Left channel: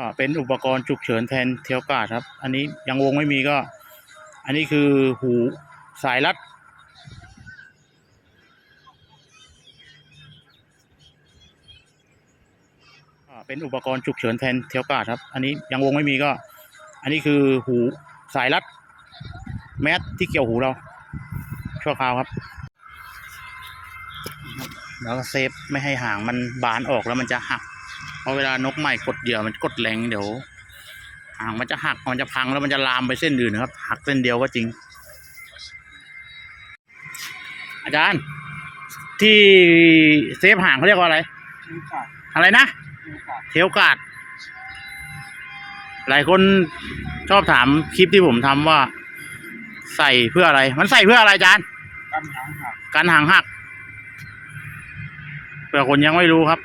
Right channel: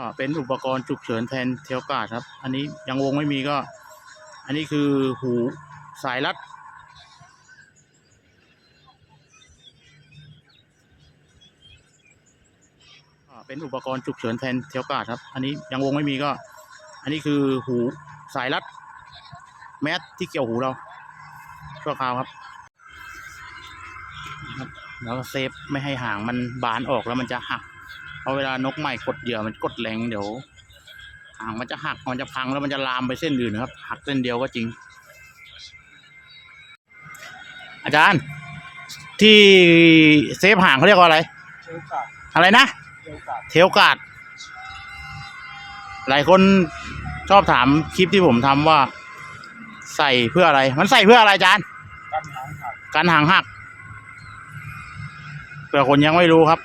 ก็เป็นอุปกรณ์ฉุกเฉินแทนเทลกาดครับ อันนี้ยังวงไม่มีก็ อันนี้คือหูสายรัด เป็นอุปกรณ์ฉุกเฉินแทนเทลกาดครับ อันนี้ยังวงไม่มีก็ อันนี้คือหูสายรัด แมสที่เกี่ยวหูเราชั่วคราวครับแล้วก็เซฟไม่ให้หางมันบานออกแล้วมันจะหัก ราะเวลานกใหม่กดเหยื่อมันกดแรงเดี๋ยวหางมันจะหักมันจะพังแล้วมันจะลามไปเส้นอื่นนะครับ หักเส้นเดียวก็จริง อาจารย์ ที่เซฟหางเขาเรียกว่าอะไรเชลกาดอะไรนะเชลกาดเทลการ์ดหลายคนชอบถามคลิปที่ผมทำว่า ใส่เพื่ออะไร มันใส่เพื่ออะไรอาจารย์ กันหางหัก การหางหักเผื่อคนยังไม่รู้ครับ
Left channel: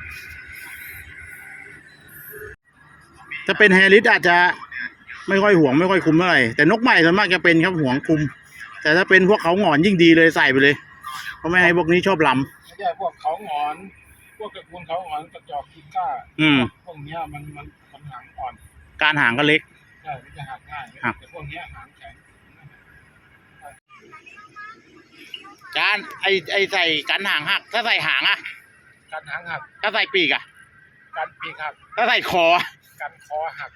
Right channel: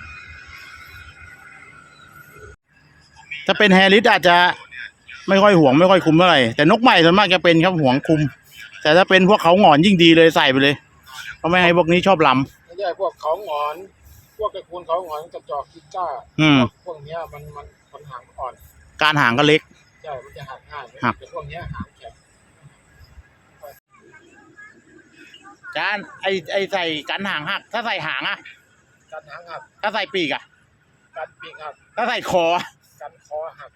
ถ้าเป็นแฮร์ริสอาจจะไม่ค่อยห่วงไม่ค่อยคุมเท่าไหร่แต่นกใหม่ส่วนมากจะเป็นครับห่วงคุม แต่ถ้าเป็นพวกเขาหงอนยิ่งดีเลยใส่ไปเลยเพราะไม่ให้พวกนี้ชอบลไม่ใช่พวกเขาหงอน พวกตระกูลเขาหงอนกระจอกกิก้าำอืม พวกเนี้ยมันมันมันหางอ่อน การหางก็เล็ก ใช่ มันจะหักง่ายหักแต่พวกเนี้ยหางแข็งการไอไอใส่กันหางหัก ถ้าใส่หางอะกันหางหัก ถ้าใส่ปีกอะกันปีกหัก ถ้าใส่คออะ กันคอหัก